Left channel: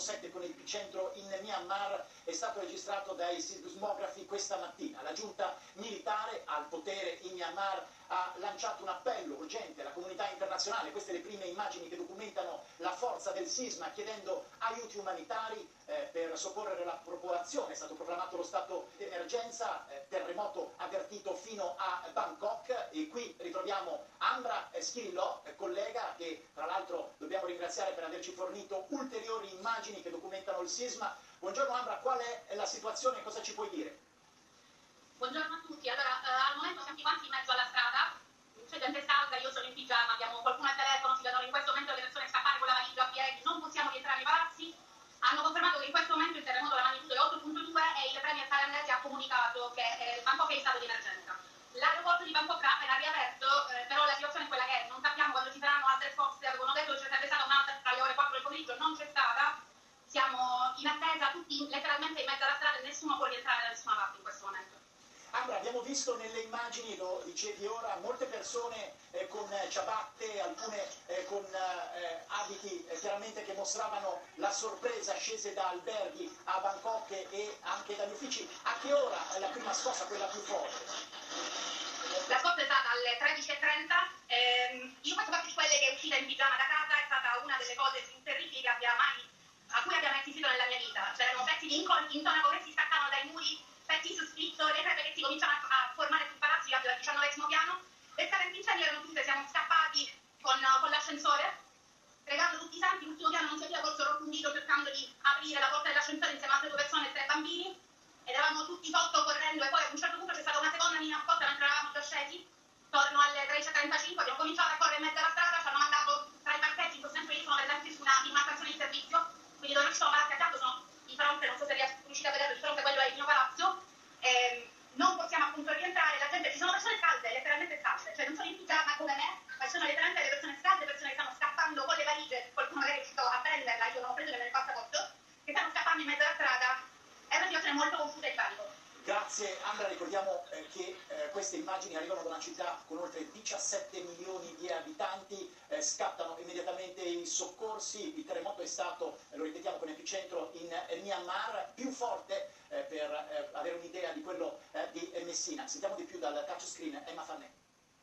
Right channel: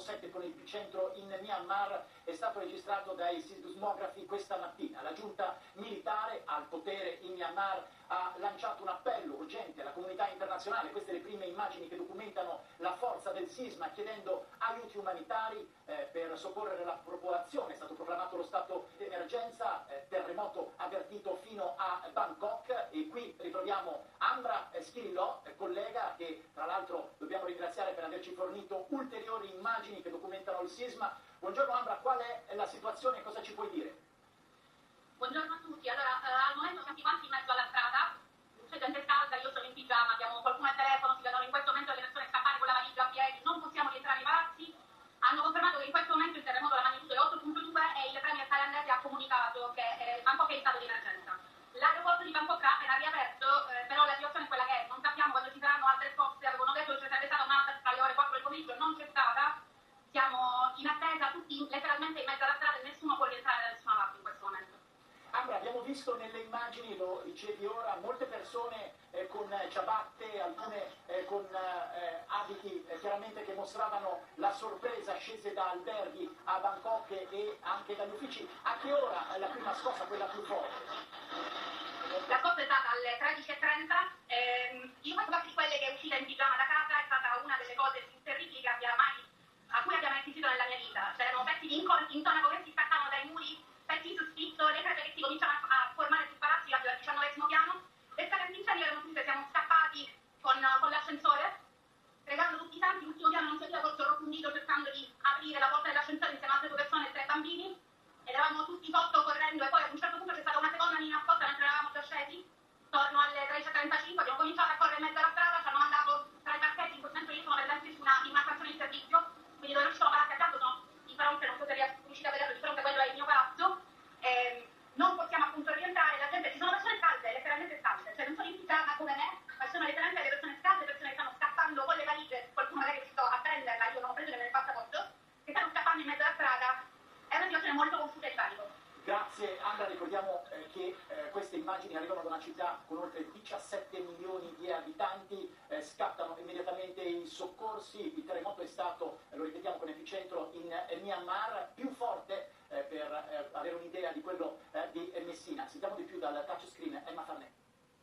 4.7 con epicentro in Myanmar è stato registrato dai sismografi questa mattina. La giunta militare al potere in Myanmar ha lanciato un appello urgente alla comunità internazionale, queste le prime immagini che documentano la forza del sisma, chiedendo aiuti umanitari per soccorrere la popolazione. È stato proclamato lo stato di emergenza, terremoto avvertito fino a Bangkok, e qui ritroviamo Ambra Schillo, collega che tra l'altro dobbiamo ringraziare per averci fornito ulteriori immagini che documentano il sisma. Buongiorno Ambra, qual è la situazione e cosa ci puoi dire? Buongiorno a tutti, allora al momento siamo quanti in mezzo alla strada, c'è gente calda, io sono in pigiama, abbiamo qualcuno al telefono, ci vedono in questo momento le persone scappare con la valigia a piedi, non possiamo rientrare nei palazzi. Hanno confermato che in questo momento il terremoto della magnitudo è 8.2 e il premier thailandese ha comunicato che Bangkok è in stato di emergenza. L'aeroporto di Bangkok ha appena riaperto, però la situazione è quella che è, non sappiamo quando ci saranno altre forze, avevano detto che ci sarebbe stata un'altra tra le ore 4 del pomeriggio, non c'è stata, siamo in attesa tutti letteralmente in mezzo alla strada e nessuno può rientrare da nessuna parte in questo momento. Ambra, abbiamo visto nelle immagini, lo dicevi ora, molte persone con ciabatte, alcune con abiti chiaramente che mostravano la sorpresa, scese da alberghi a Bangkok e anche dagli uffici. A che ora è la prima scossa, quella più forte? La scossa è stata alle 13.30, io faccio parte di quelle che è uscita in pigiama da casa, è stata una delle cose più terribili a cui abbiamo assistito nella mia vita. C'erano pezzi di intonaco che si staccavano dai muri, pezzi di soffitto, le crepe che si cominciavano a formare sul palazzo, io abito al 19° piano, le scale antincendio erano chiuse, siamo scappati con l'ascensore, pregando tutti i santi, l'ultimo piano non si apriva, col sovrappuntito cercando di aprire la porta dell'ascensore insieme a altre 2 persone e 3 bambini, ed eravamo tutti sotto correndo, e poi ad un certo punto c'è stata una seconda mini nascosta mentre eravamo già scesi, torno alle 13.35, abbiamo cominciato a correre in mezzo alla strada, ci hanno mandato tra i parcheggi, in questo momento io sono presente su una stazione di servizio, quindi dove non ci sono palazzi a fianco, sono di fronte, non so se riuscite a vederlo, di fronte quello è il mio palazzo, non possiamo appunto rientrare, la gente, ci sono persone scalde, letteralmente scalde, cioè non sono in pigiama come me, ma ci sono letteralmente le persone scalde, persone che stanno scappando con le valigie, qualcuno magari è riuscito a prenderla, io non ho preso nel passaporto, che stanno scappando in mezzo alla strada, è una situazione molto confusa e di panico. Grazie Ambra, ricordiamo che queste immagini arrivano da una città con oltre 17 milioni di abitanti, scattano immediatamente i soccorsi, il terremoto è stato, lo ripetiamo, con epicentro in Myanmar, più forte per avere un'idea di quello di Messina. Sentiamo di più dal touchscreen Emma Farnet.